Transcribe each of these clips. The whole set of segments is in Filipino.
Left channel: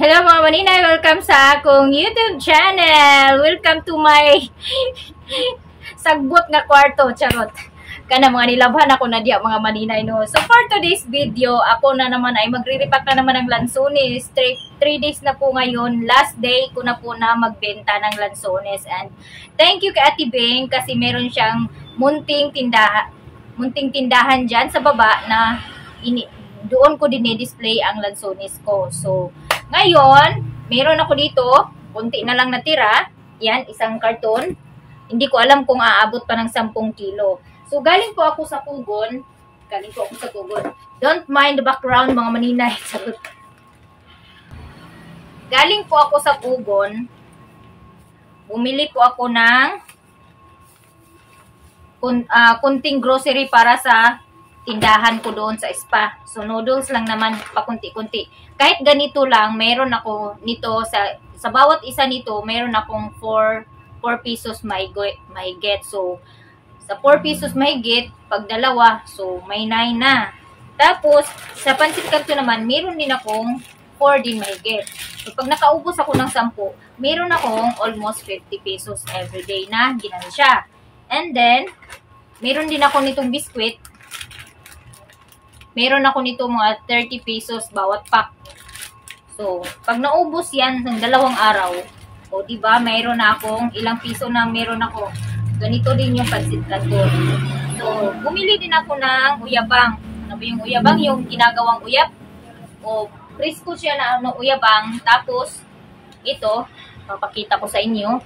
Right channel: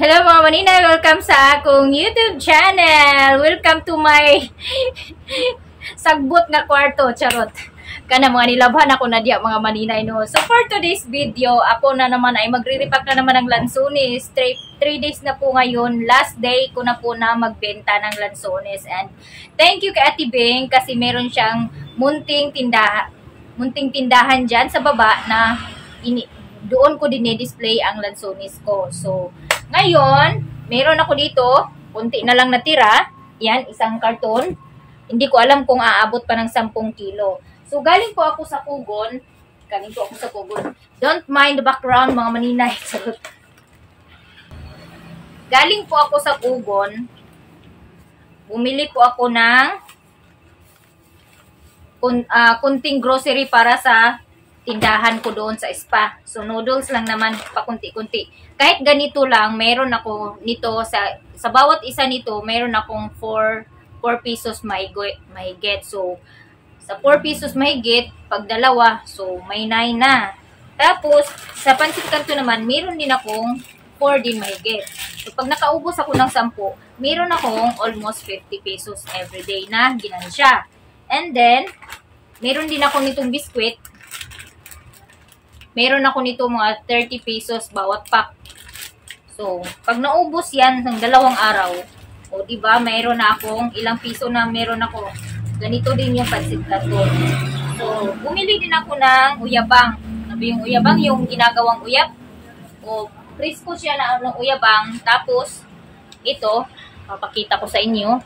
Hello mga manina, welcome sa akong YouTube channel. Welcome to my sagbot nga kwarto, charot. Kana mga nilabhan ako na diya mga maninay no. So for today's video, ako na naman ay magre-repack na naman ng lansones. 3 days na po ngayon. Last day ko na po na magbenta ng lansones. And thank you kay Ate Beng kasi meron siyang munting tindahan dyan sa baba na doon ko dinidisplay ang lansones ko. So ngayon, meron ako dito, konti na lang natira. Yan, isang karton. Hindi ko alam kung aabot pa ng 10 kilo. So, galing po ako sa Pugon. Don't mind the background, mga maninay. Galing po ako sa Pugon. Bumili po ako ng kunting grocery para sa tindahan ko doon sa spa. So, noodles lang naman, pakunti-kunti. Kahit ganito lang, meron ako nito, sa bawat isa nito, meron akong 4 pesos mahigit. So, sa 4 pesos mahigit, pag dalawa, so may 9 na. Tapos, sa pansit kanto naman, meron din akong 4 din mahigit. So, pag nakaubos ako ng 10, meron akong almost 50 pesos everyday na ginansya. And then, meron din ako nitong biskwit. Meron ako nito mga 30 pesos bawat pack. So, pag naubos yan ng 2 araw, o diba, mayroon na akong ilang piso na meron ako. Ganito din yung pansit canton. So, bumili din ako ng uyabang. Ano ba yung uyabang? Yung ginagawang uyab. O, presko siya na uyabang. Tapos, ito, papakita ko sa inyo.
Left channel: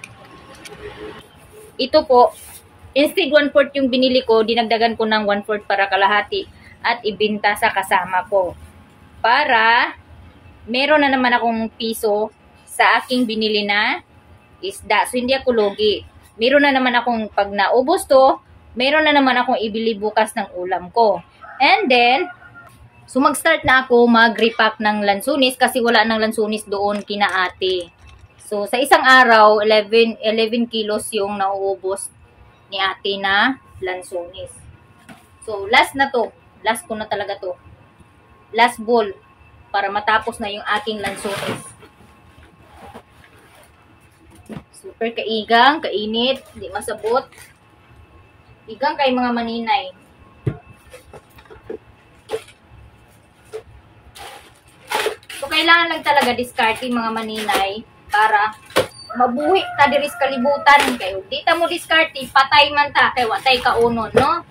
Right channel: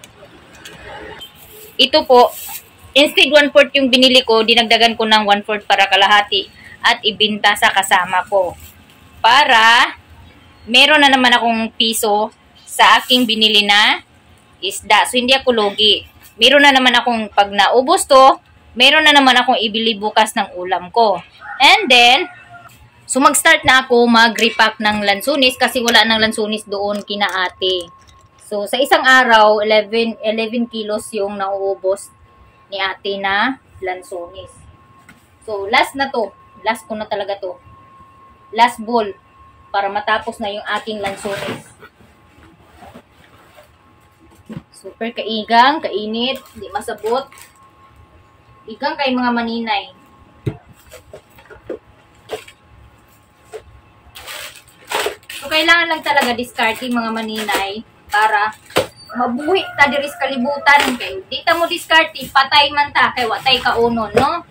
Ito po, instead 1/4 yung binili ko, dinagdagan ko ng 1/4 para kalahati. At ibinta sa kasama ko. Para meron na naman akong piso sa aking binili na isda. So, hindi ako lugi. Meron na naman akong, pag naubos to, meron na naman akong ibili bukas ng ulam ko. And then, so mag-start na ako mag-repack ng lansones kasi wala ng lansones doon kina ate. So, sa isang araw, 11 kilos yung nauubos ni ate na lansones. So, last na to. Last ko na talaga to. Last bowl. Para matapos na yung aking lansones. Super kaigang, kainit, hindi masabot. Igang kay mga maninay. So, kailangan lang talaga discarding mga maninay para mabuhi ta diris kalibutan kayo. Di ta mo discarding, patay man ta, kay watay ka unon, no?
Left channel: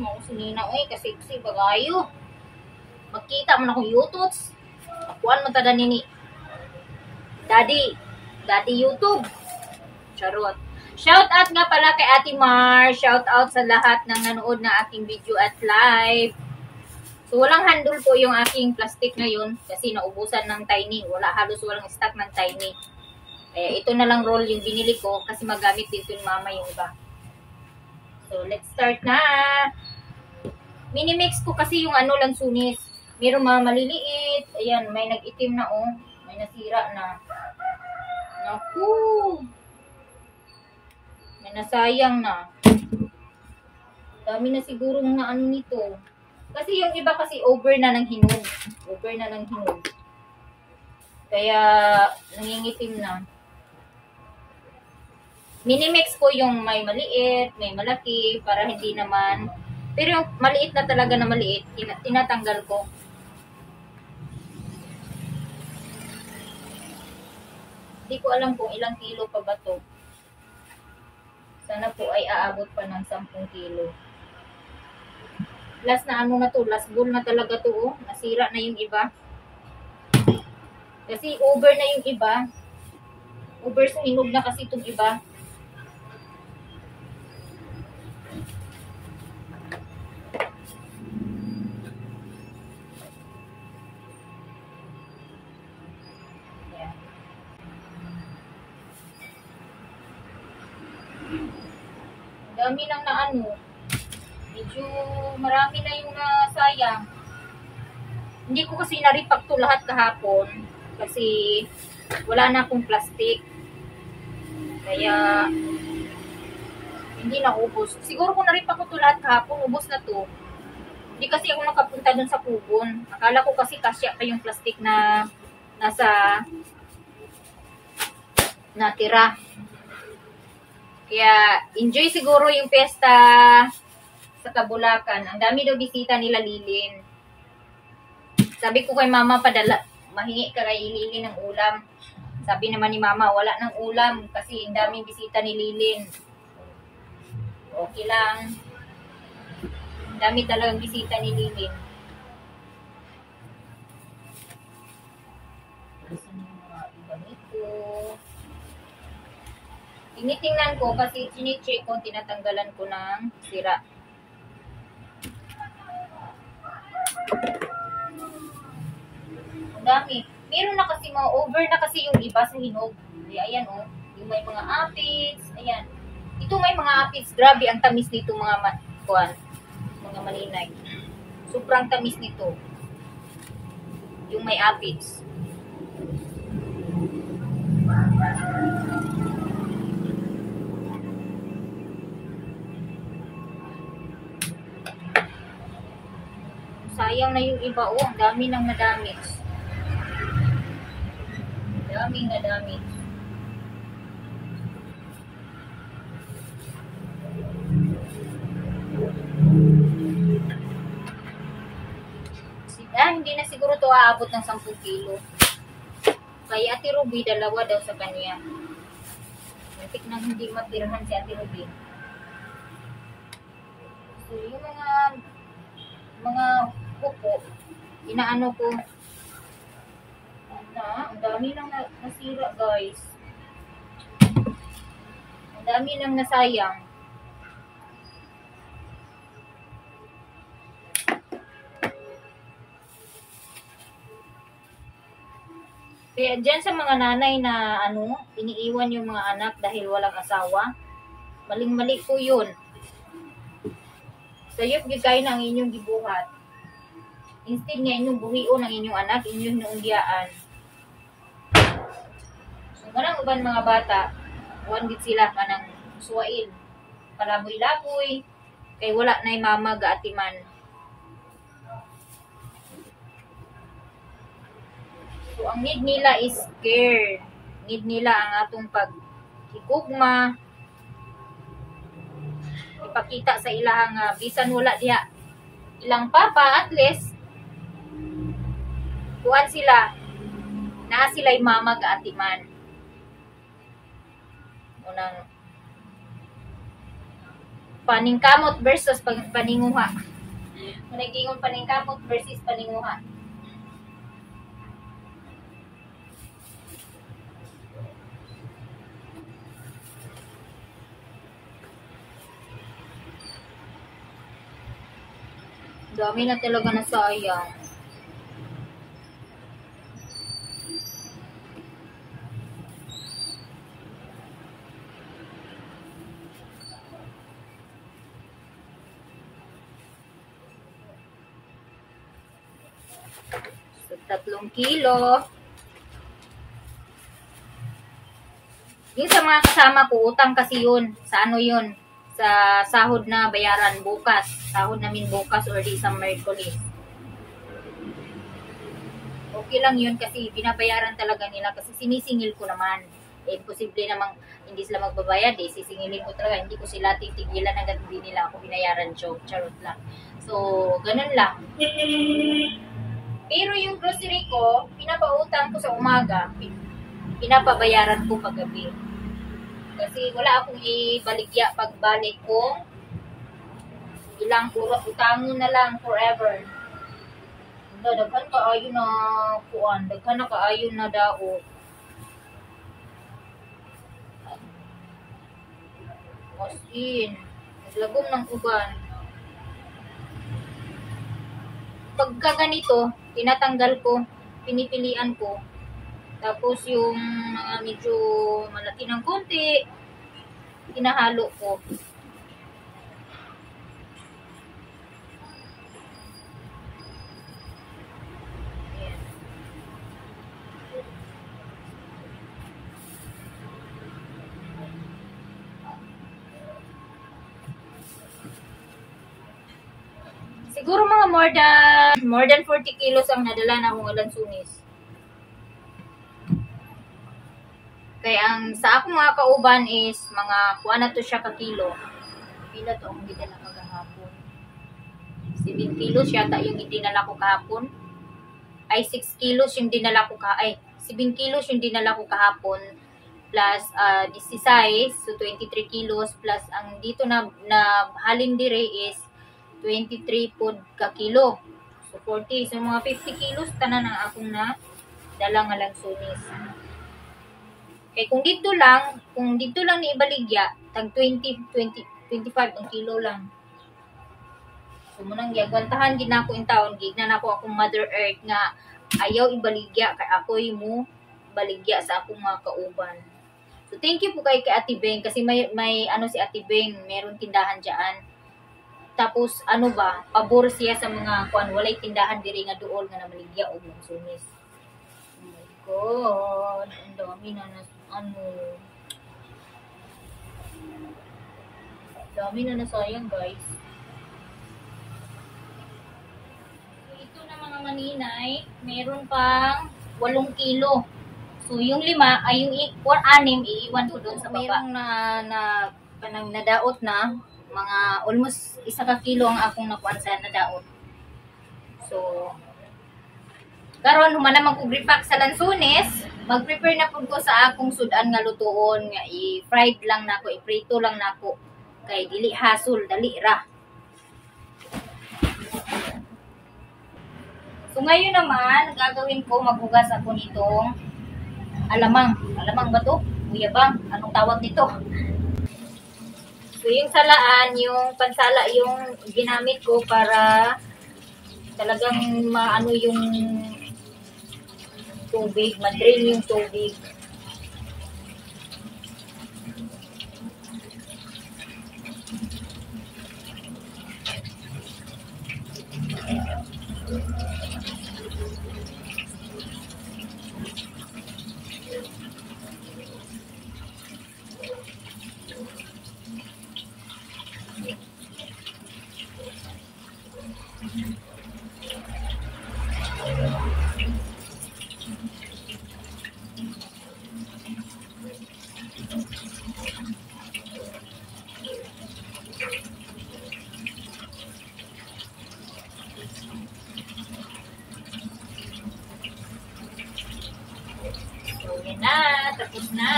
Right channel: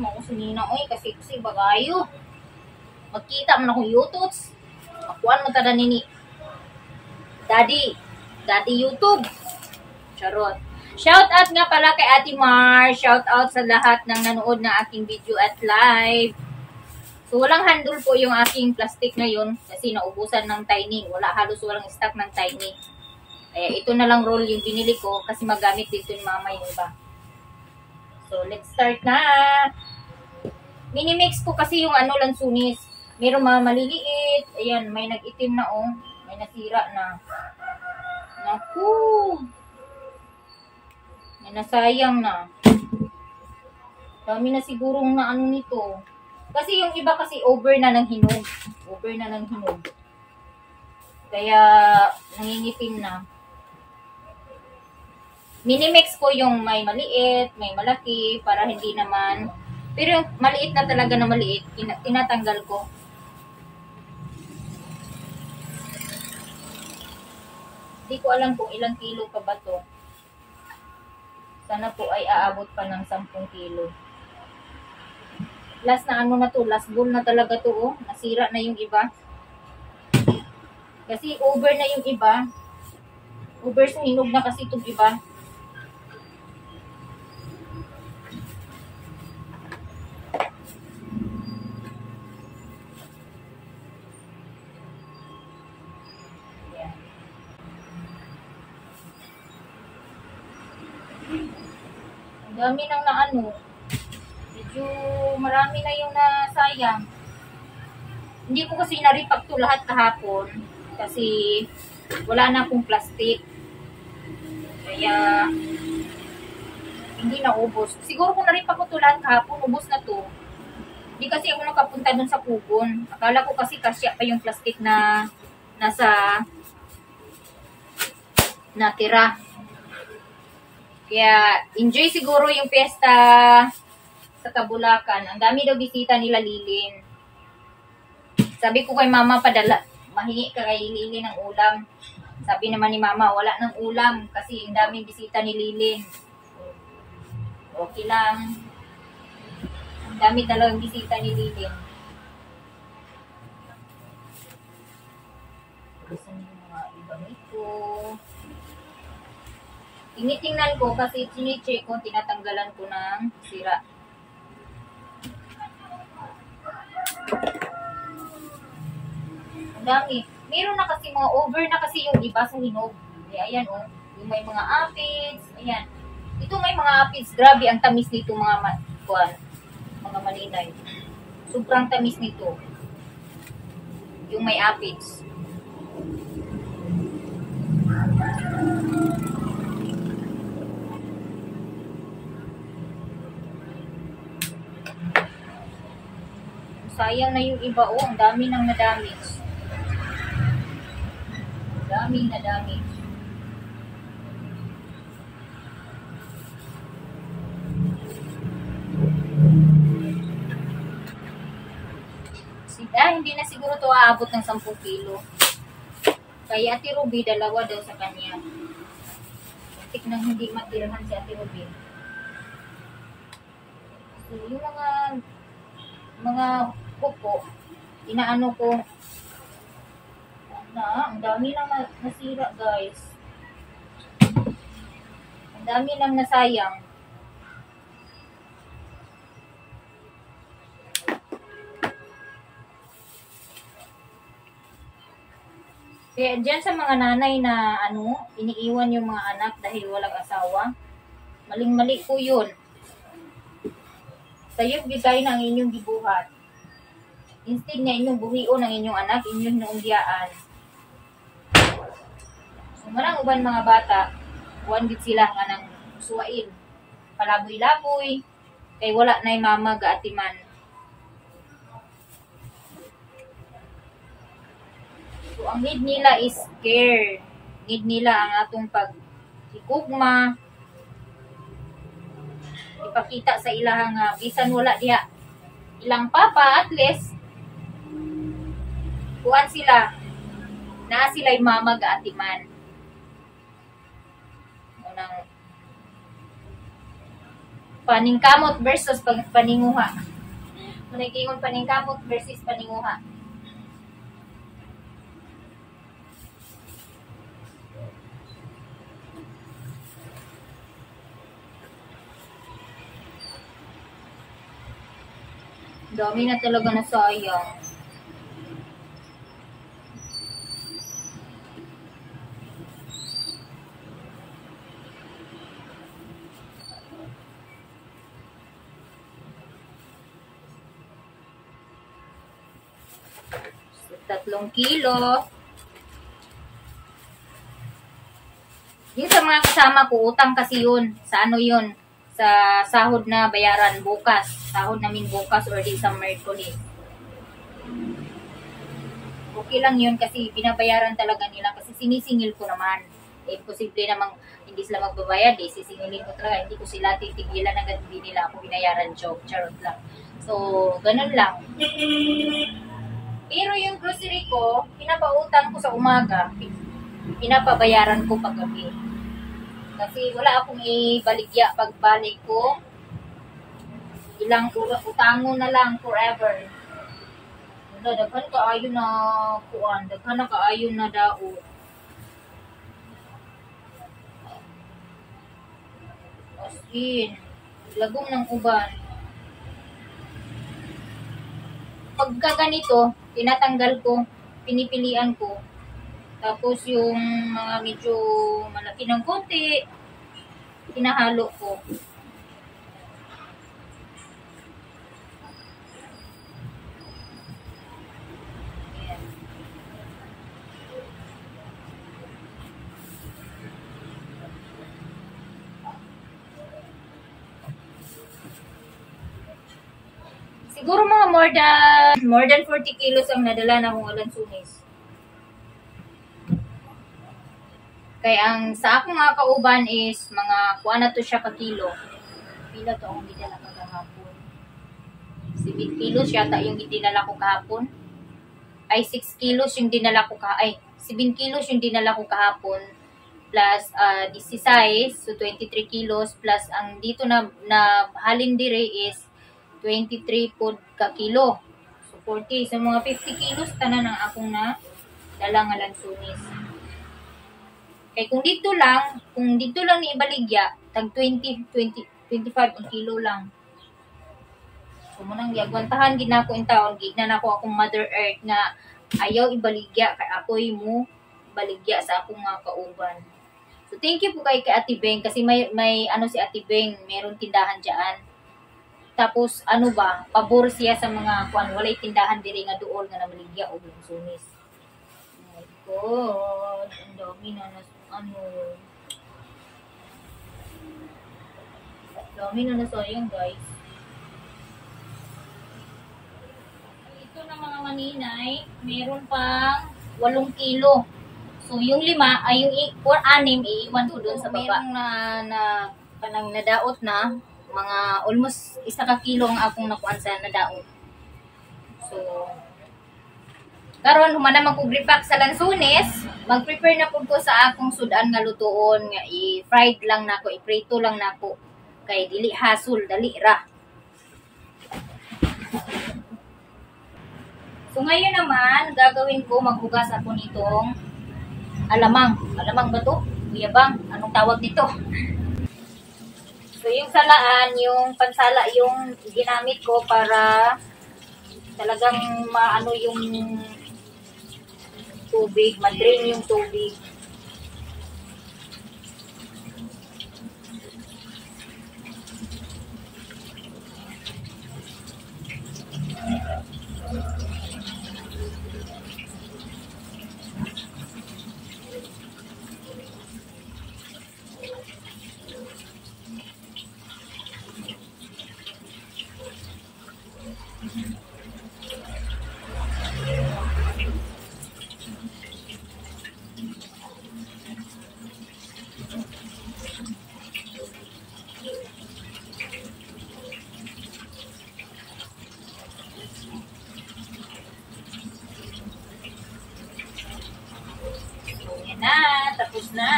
Mausunina, oy, kasi bagayo. Magkita mo na akong YouTubes. Akuan mo tada nini. Daddy YouTube. Charot. Shout out nga pala kay Ate Mar. Shout out sa lahat ng nanood ng aking video at live. So, walang handle po yung aking plastic ngayon kasi naubusan ng Tiny. Halos walang stock ng Tiny. Kaya ito na lang roll yung binili ko kasi magamit dito ni mama yung iba. So, let's start na. Minimix ko kasi yung lansones. Meron mga maliliit. Ayan, may nag-itim na oh. May nasira na. Naku! May nasayang na. Dami na sigurong na nito. Kasi yung iba kasi over na ng hinog. Kaya, nangingitim na. Minimix ko yung may maliit, may malaki, para hindi naman. Pero yung maliit na talaga na maliit, tinatanggal ko. Hindi ko alam kung ilang kilo pa ba to. Sana po ay aabot pa ng 10 kilo. Last na na to, last bowl na talaga to oh. Nasira na yung iba. Kasi over na yung iba. Over sa hinog na kasi itong iba. Dami nang medyo marami na yung nasayang. Hindi ko kasi na-repack to lahat kahapon kasi wala na akong plastic. Kaya hindi na ubos. Siguro kung na-repack ko to lahat kahapon, ubos na to. Hindi kasi ako nakapunta dun sa Pugon. Akala ko kasi kasya pa yung plastic na nasa natira. Kaya enjoy siguro yung piyesta sa Kabulacan. Ang dami daw bisita nila Lilin. Sabi ko kay mama, mahingi ka kay Lilin ng ulam. Sabi naman ni mama, wala ng ulam kasi ang daming bisita ni Lilin. Okay lang. Ang dami talagang bisita ni Lilin. Gusto niyo mga iba nito. Tinitingnan ko kasi chine-check ko, tinatanggalan ko ng sira. Ang dami. Meron na kasi mga over na kasi yung iba sa hinog. Kaya ayan oh, yung may mga aphids, ayan. Ito may mga aphids, grabe ang tamis nito mga mga malinay. Sobrang tamis nito. Yung may aphids. Sayang na yung iba. Oh, ang dami nang na-damage. Daming na-damage. Hindi na siguro to aabot ng 10 kilo. Kaya Ate Ruby, dalawa daw sa kanya. Muntik nang hindi matirhan si Ate Ruby. So, yung mga kuko, inaano ko na, ang dami nang nasira guys. Ang dami nang nasayang. Kaya dyan sa mga nanay na iniiwan yung mga anak dahil walang asawa, maling-mali po yun. Sayop gigay na ang inyong gibuhat. Instead nga inyong buhion ang inyong anak, inyong naungyaan. So, marang uban mga bata, gid sila nga ng suwail. Palaboy-laboy, kay wala na yung mama gaatiman. So, ang need nila is care. Need nila ang atong paghigugma. Ipakita sa ilahang bisan wala diha ilang papa, at least kuan sila naa sila yung mama gaatiman. Unang paningkamot versus paninguha. Munay gingon paningkamot versus paninguha. Dami na talaga na sayang. So, 3 kilo. Yung sa mga kasama ko, utang kasi yun. Sa yun? Sa sahod na bayaran bukas. Sahod namin bukas or di sa Merkulis. Okay lang yun kasi binabayaran talaga nila kasi sinisingil ko naman. Imposible namang hindi sila magbabayad sisingilin ko talaga. Hindi ko sila titigilan hanggang hindi nila ako binayaran job. Charot lang. So, ganun lang. Pero yung grocery ko, pinapautang ko sa umaga. Pinapabayaran ko paggabi. Kasi wala akong ibaligya pagbalik ko. Ilang utangon na lang forever. Daghan kaayo na kuan, daghan na kaayo na daot. As in, naglagom ng uban. Pagka ganito, tinatanggal ko, pinipilian ko. Tapos yung mga medyo malaki ng konti, hinahalo ko. Ayan. Siguro mga more than 40 kilos ang nadala na akong alansunis. Kaya ang sa akong mga kauban is mga kuha na to siya ka kilo. Pila to akong gidala kagahapon. 7 kilos yata yung dinala ko kahapon. Ay 6 kilos yung dinala ko 7 kilos yung dinala ko kahapon plus 16, so 23 kilos plus ang dito na halin dire is 23 pod ka kilo. So 40, so mga 50 kilos tanan ang akong na dala nga lansunis. Kay kung dito lang ni ibaligya, tag 25 ang kilo lang. So munang giagwantahan gid nako in taon, gigna nako akong Mother Earth nga ayaw ibaligya kay ako'y mo baligya sa akong mga kauban. So thank you po kay Ate Beng kasi may ano si Ate Beng, meron tindahan diyan. Tapos ano ba, pabor siya sa mga kuan walay tindahan diri nga duol nga namaligya og lansunis. Oh my God, ang dami na dami na nasayang guys. Ito na mga maninay, meron pang 8 kilo. So yung 5 ay yung 6 iiwan ko doon sa baba. Merong panang nadaot na mga almost 1 kilo ang akong nakuan sa nadaot. So karon human naman ko gripak sa lansunis, mag-prepare na pud ko sa akong sudan nga lutuon nga i-fried lang nako, i-prito lang nako kay dili hasol, dali ra. So ngayon naman gagawin ko, maghugas ako nitong alamang ba to? Uyabang, anong tawag nito? So yung salaan, yung pansala yung ginamit ko para talagang maano yung tubig, ma-drain yung tubig. Na, tapos na.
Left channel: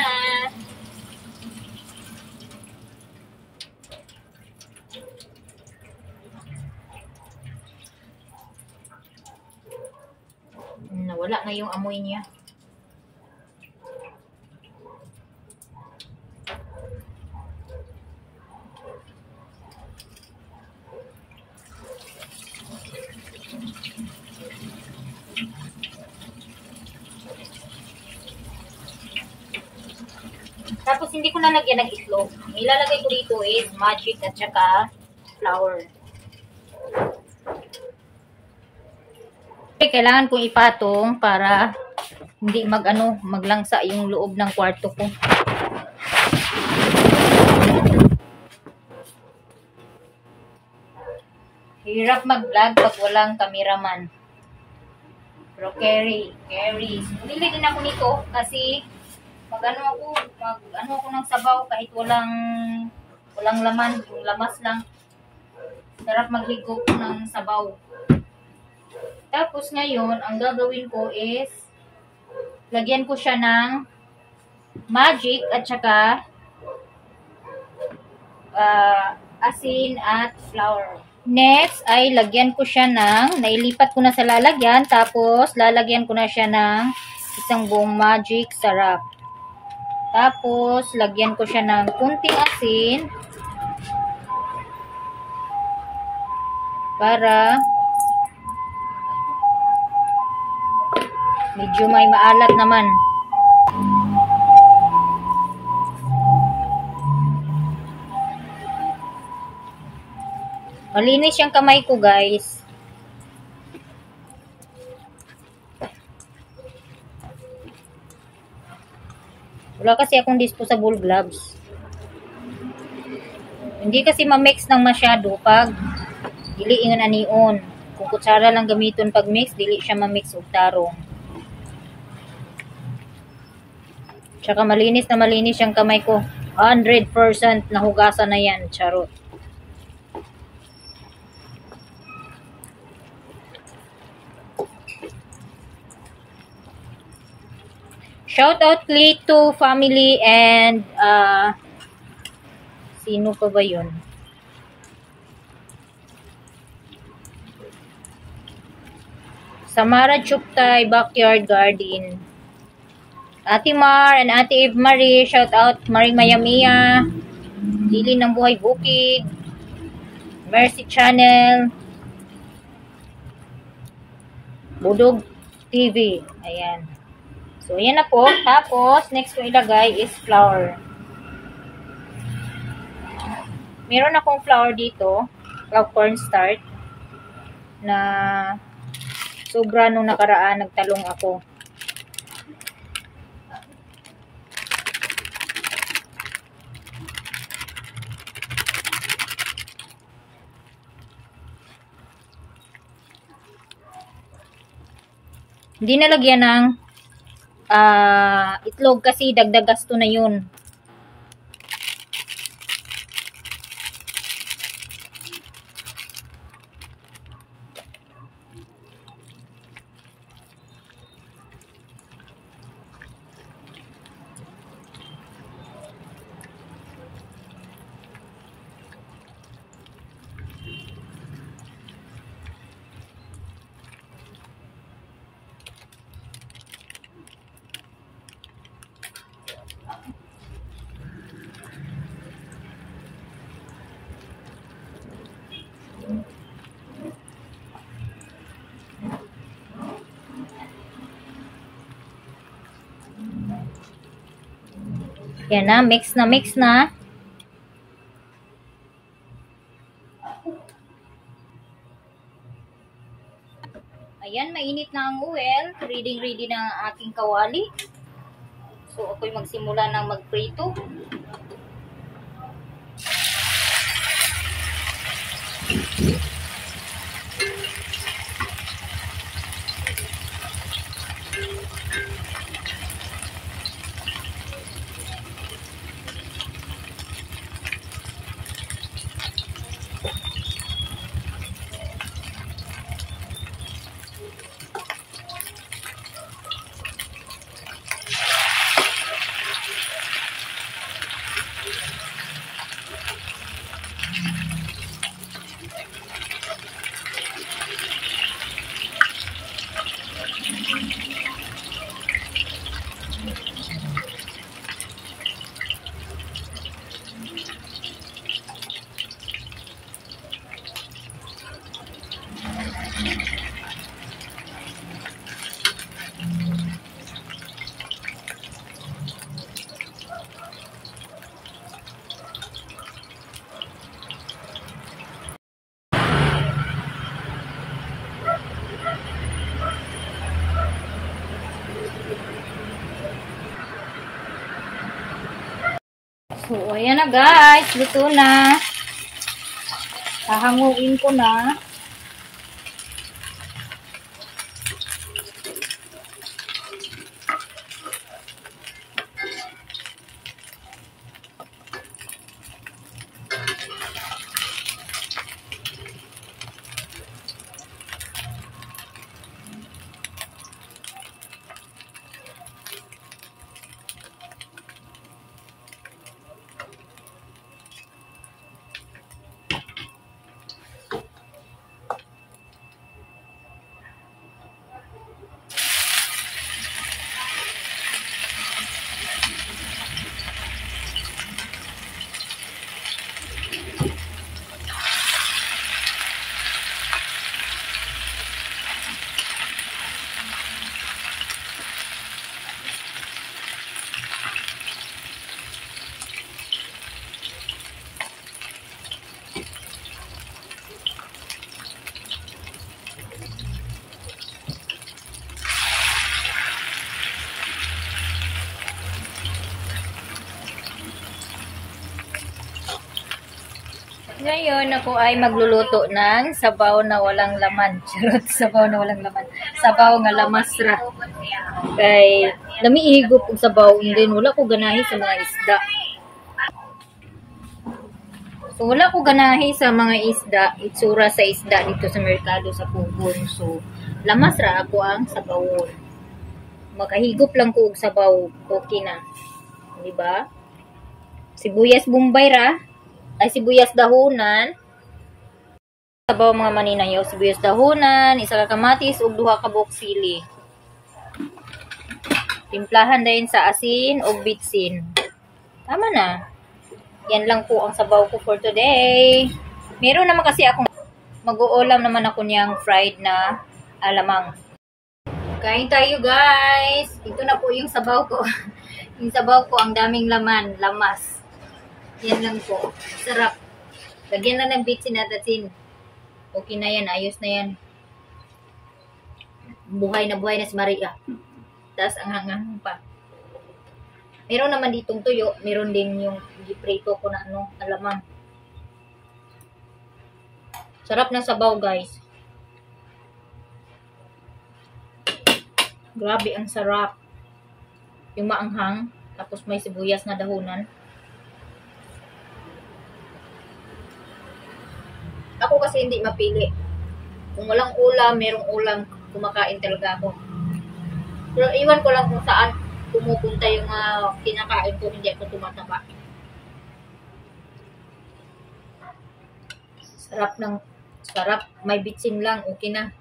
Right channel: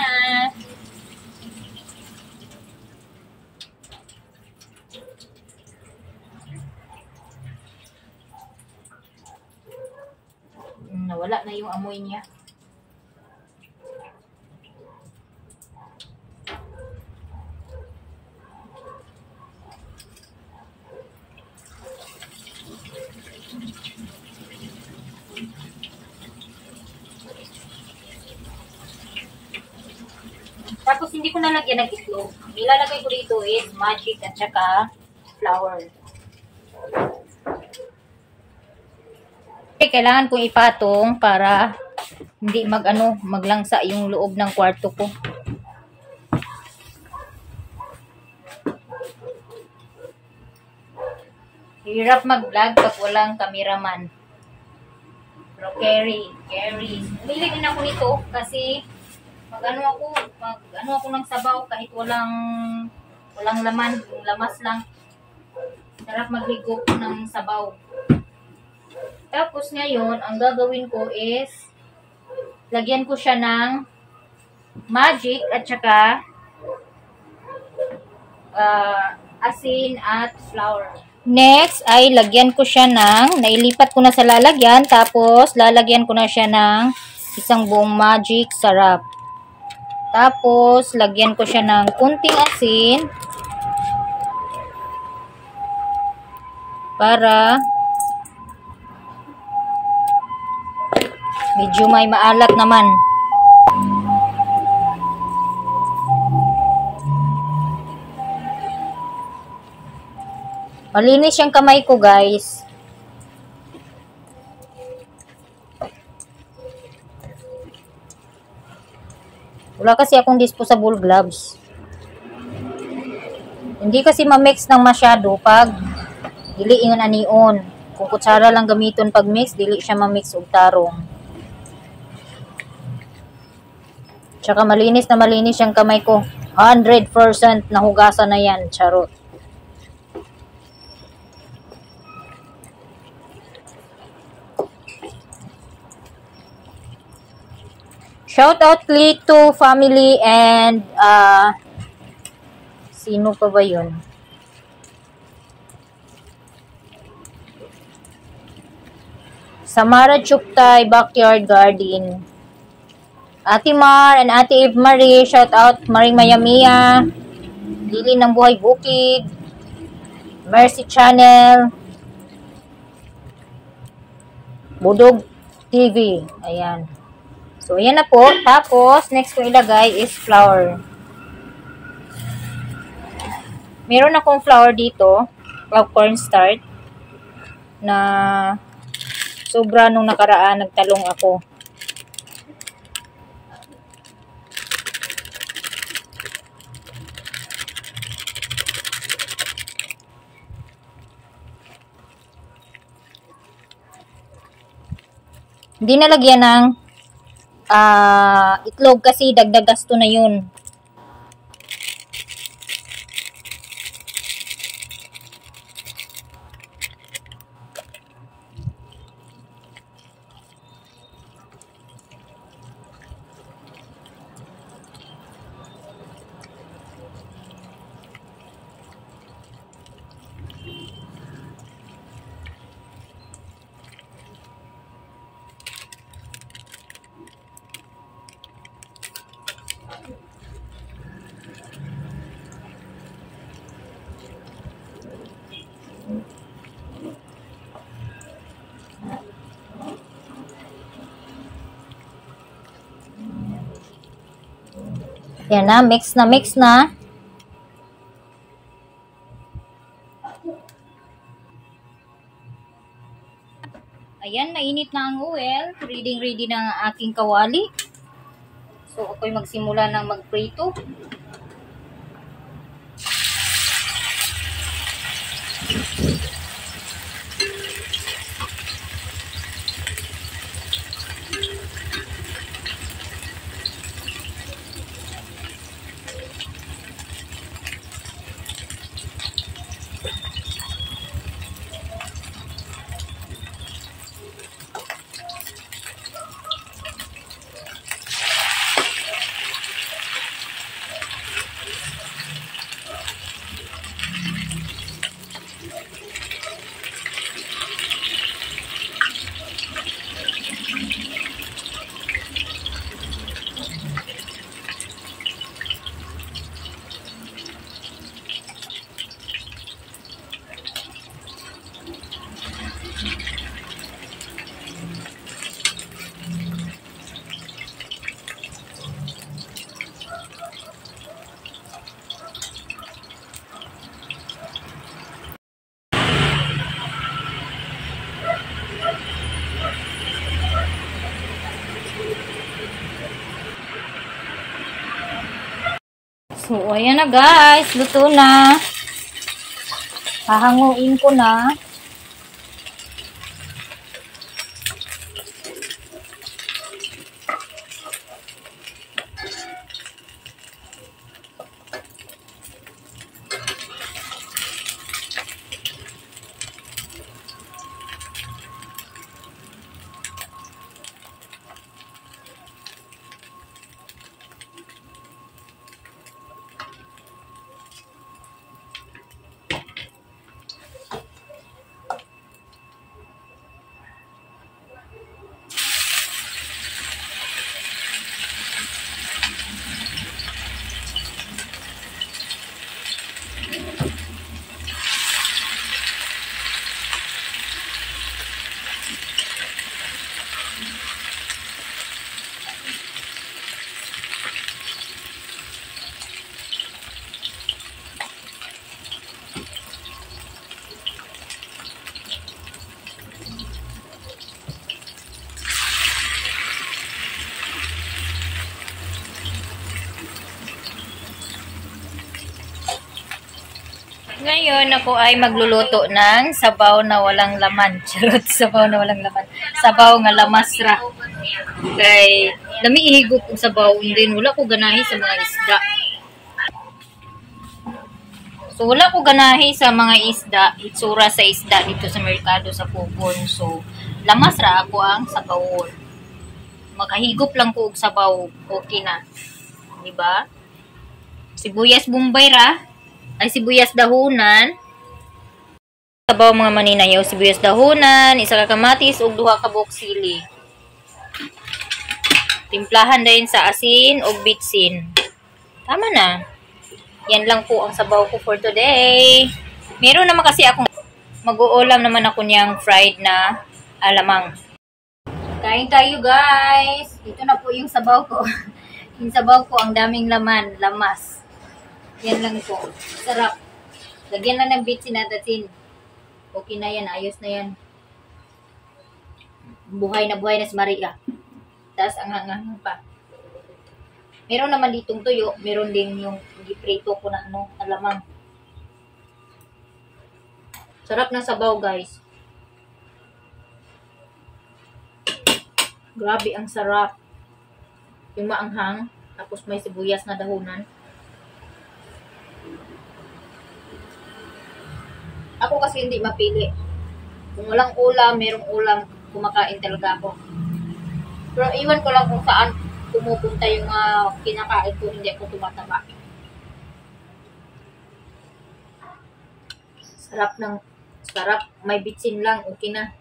Nawala na yung amoy niya. Tapos hindi ko na lagyan ng itlog. Ilalagay ko dito is magic at saka flour. Okay, kailangan kong ipatong para hindi maglangsa yung loob ng kwarto ko. Hirap mag-vlog pag walang cameraman. Pero carry. Bili din ako nito kasi mag-ano ako ng sabaw kahit walang laman, yung lamas lang. Sarap maghigop ng sabaw. Tapos ngayon, ang gagawin ko is lagyan ko siya ng magic at saka asin at flour. Next ay lagyan ko siya nailipat ko na sa lalagyan, tapos lalagyan ko na siya ng isang buong magic sarap. Tapos, lagyan ko siya ng kunting asin para medyo may maalat naman. Malinis yung kamay ko, guys. Wala kasi akong disposable gloves. Hindi kasi ma-mix ng masyado pag dili ingon anion. Kung kutsara lang gamiton pag mix, dili siya ma-mix og tarong. Tsaka malinis na malinis yung kamay ko. 100% nahugasan na yan. Charot. Shout out to family and sino pa ba yun? Samara Chuktay Backyard Garden. Ate Mar and Ate Eve Marie, shout out Maring Mayamia, Lili ng Buhay Bukid, Mercy Channel, Budog TV. Ayan. So, ayan na po. Tapos, next ko ilagay is flour. Meron akong flour dito, cornstarch, na sobra nung nakaraan, nagtalong ako. Hindi nalagyan ng itlog kasi dagdag gasto na yun. Yan na, mix na, mix na. Ayan, mainit na ang oil. Ready na ang aking kawali. So, ako'y magsimula ng magprito. So, ayan na guys. Luto na. Hahanguin ko na. Ngayon, ako ay magluluto ng sabaw na walang laman. Charot, sabaw na walang laman. Sabaw nga lamasra. Kay, lami ihigop og sabaw. Din wala ko ganahi sa mga isda. So, wala ko ganahi sa mga isda. Itsura sa isda dito sa merkado sa Pugon. So, lamasra ako ang sabawon. Makahigop lang ko og sabaw. Okay na. Diba? Sibuyas bombay ra. Ay sibuyas dahonan. Sabaw mga maninayaw, sibuyas dahonan, isa ka kamatis ug duha ka buok sili. Timplahan din sa asin ug bitsin. Tama na. Yan lang po ang sabaw ko for today. Meron naman kasi akong mag-uulam naman ako niyang fried na alamang. Kain tayo guys. Ito na po yung sabaw ko. Yung sabaw ko ang daming laman, lamas. Yan lang po. Sarap. Lagyan lang ng bitsin at asin. Okay na yan. Ayos na yan. Buhay na si Maria. Tapos ang hangang pa. Meron naman ditong tuyo. Meron din yung giprito ko na alamang. Sarap ng sabaw guys. Grabe ang sarap. Yung maanghang. Tapos may sibuyas na dahonan. Ako kasi hindi mapili. Kung walang ulam, merong ulam, kumakain talaga ako. Pero iwan ko lang kung saan pumupunta yung kinakain ko, hindi ako tumataba. Sarap. May bitsin lang, okay na.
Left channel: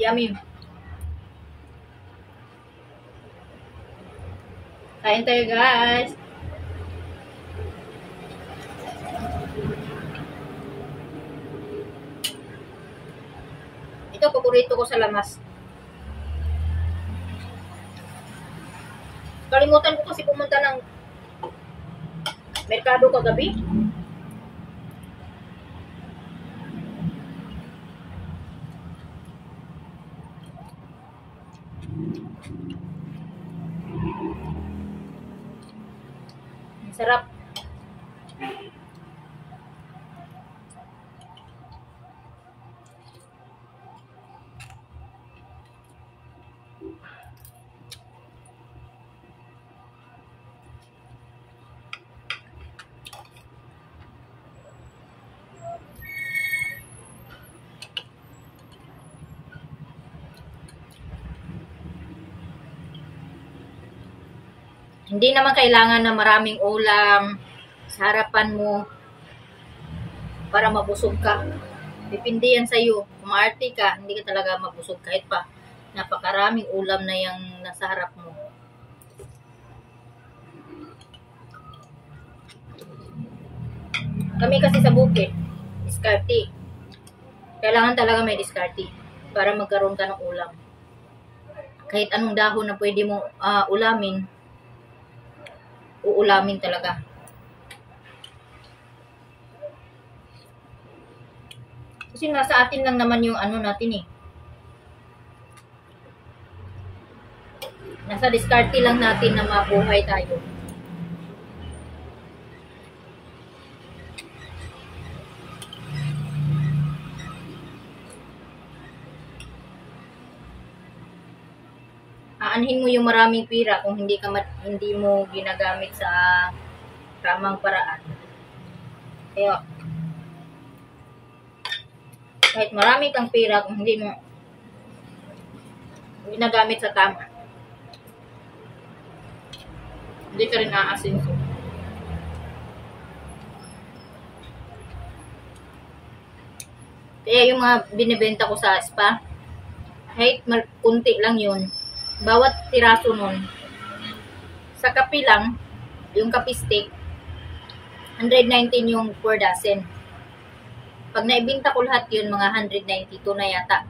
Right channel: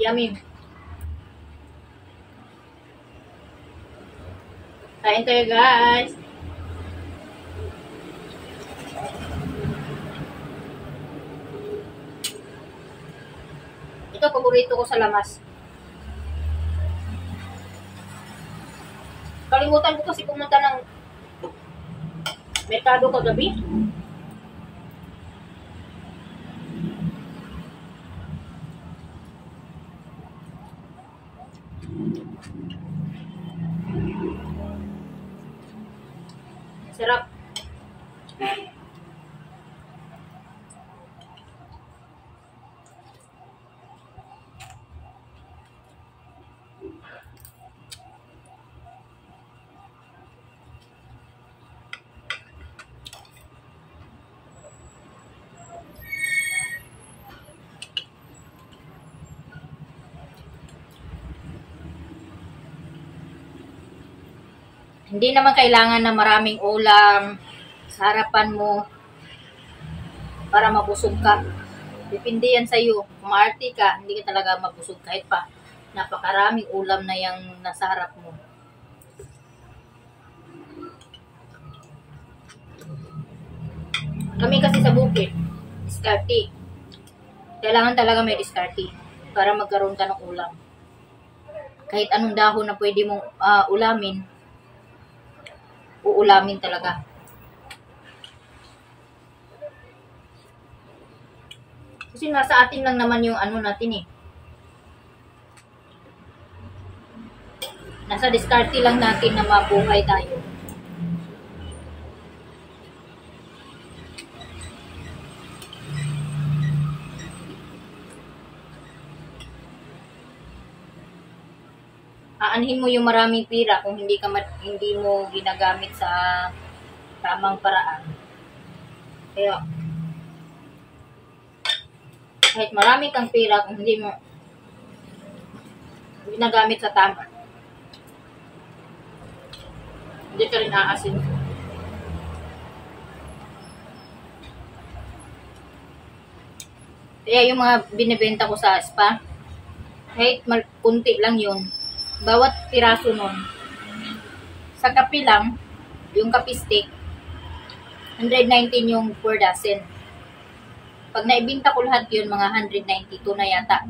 Yummy. Kain tayo guys. Ito paborito ko sa lamas. Kalimutan ko kasi pumunta ng merkado kagabi. Sarap. Hindi naman kailangan na maraming ulam sa harapan mo para mabusog ka. Depende yan sa'yo. Kung maarte ka, hindi ka talaga mabusog kahit pa napakaraming ulam na yung nasa harap mo. Kami kasi sa bukid, diskarte. Kailangan talaga may diskarte para magkaroon ka ng ulam. Kahit anong dahon na pwede mong ulamin, uulamin talaga. Kasi nasa atin lang naman yung natin eh. Nasa diskarte lang natin na mabuhay tayo. Aanhin mo yung maraming pira kung hindi mo ginagamit sa tamang paraan. Kaya kahit marami kang pira kung hindi mo ginagamit sa tama, hindi ka rin aasinso. Kaya yung mga binibenta ko sa spa, kahit kunti lang yun, bawat piraso nun, sa kape lang, yung kape stick, 119 yung per dozen. Pag naibinta ko lahat yun, mga 192 na yata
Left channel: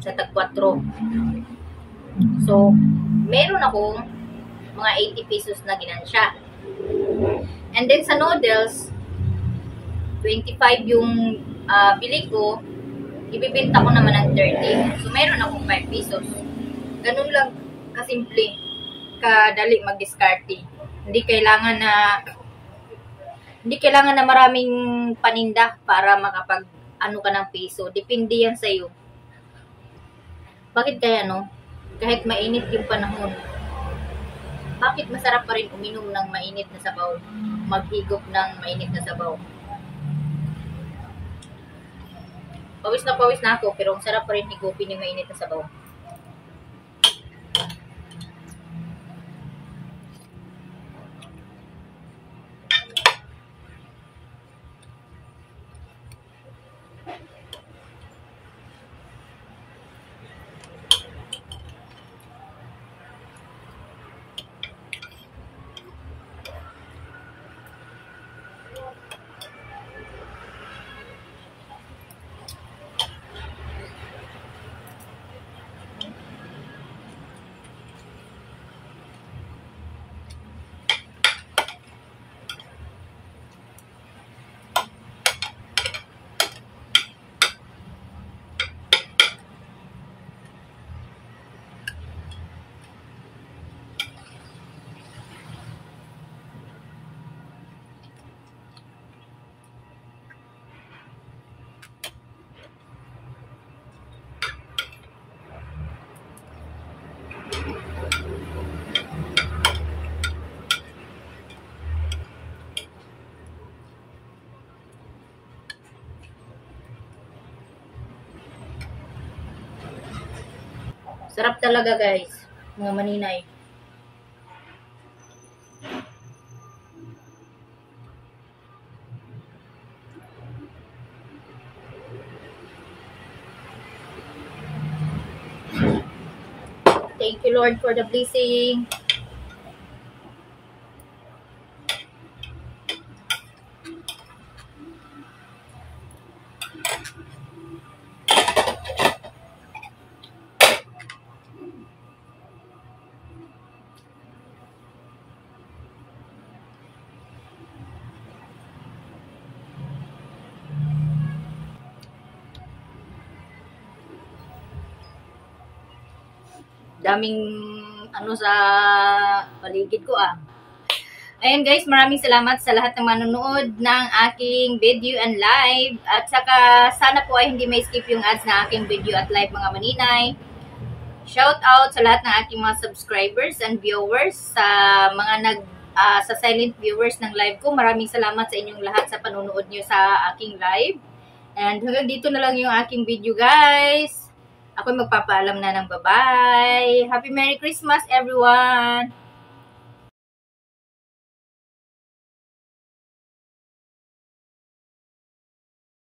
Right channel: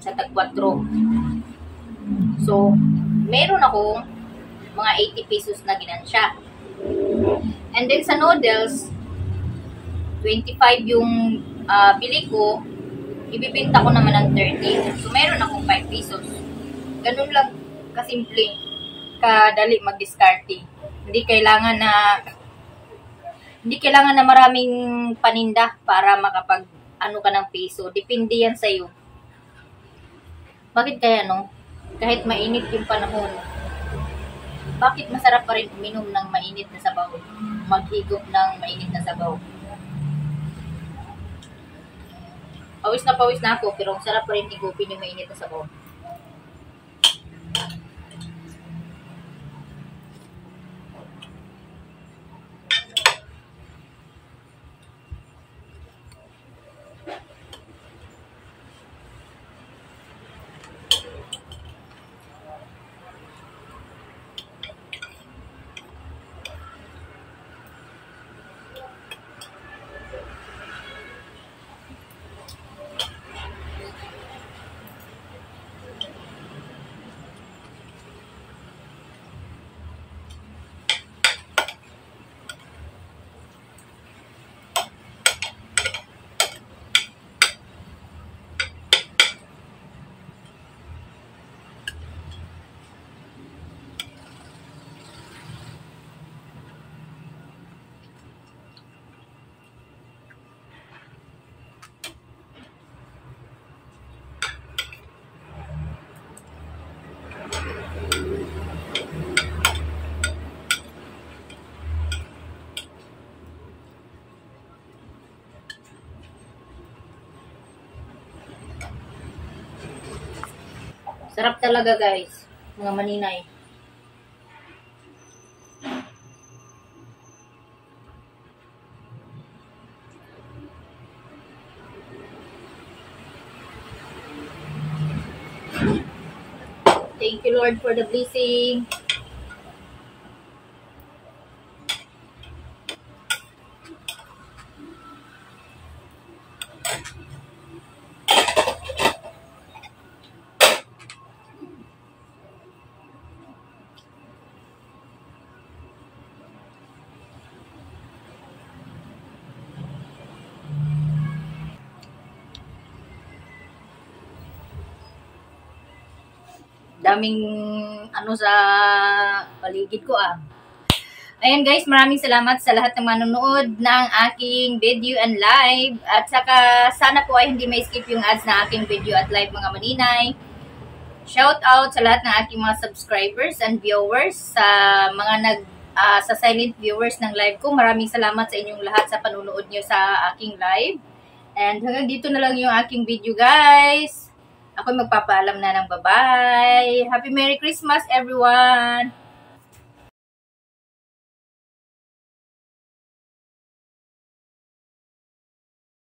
sa tag 4. So, meron akong mga 80 pesos na ginansya. And then sa noodles, 25 yung bili ko, ibibinta ko naman ng 30. So, meron akong 5 pesos. Ganun lang kasimple. kadali mag-diskarte. Hindi kailangan na maraming paninda para makapag ano ka ng piso. Depende yan sa iyo. Bakit kaya no? Kahit mainit yung panahon, bakit masarap pa rin uminom ng mainit na sabaw? Maghigop ng mainit na sabaw. Pawis na ako, pero ang sarap pa rin higupin yung mainit na sabaw. Sarap talaga guys, mga maninay. Thank you Lord for the blessing. Daming ano sa paligid ko ah. Ayan guys, maraming salamat sa lahat ng manonood ng aking video and live. At saka sana po ay hindi may skip yung ads na aking video at live mga maninay. Shout out sa lahat ng aking mga subscribers and viewers, sa mga sa silent viewers ng live ko. Maraming salamat sa inyong lahat sa panonood nyo sa aking live. And hanggang dito na lang yung aking video guys. Ako magpapaalam na ng bye-bye. Happy Merry Christmas everyone!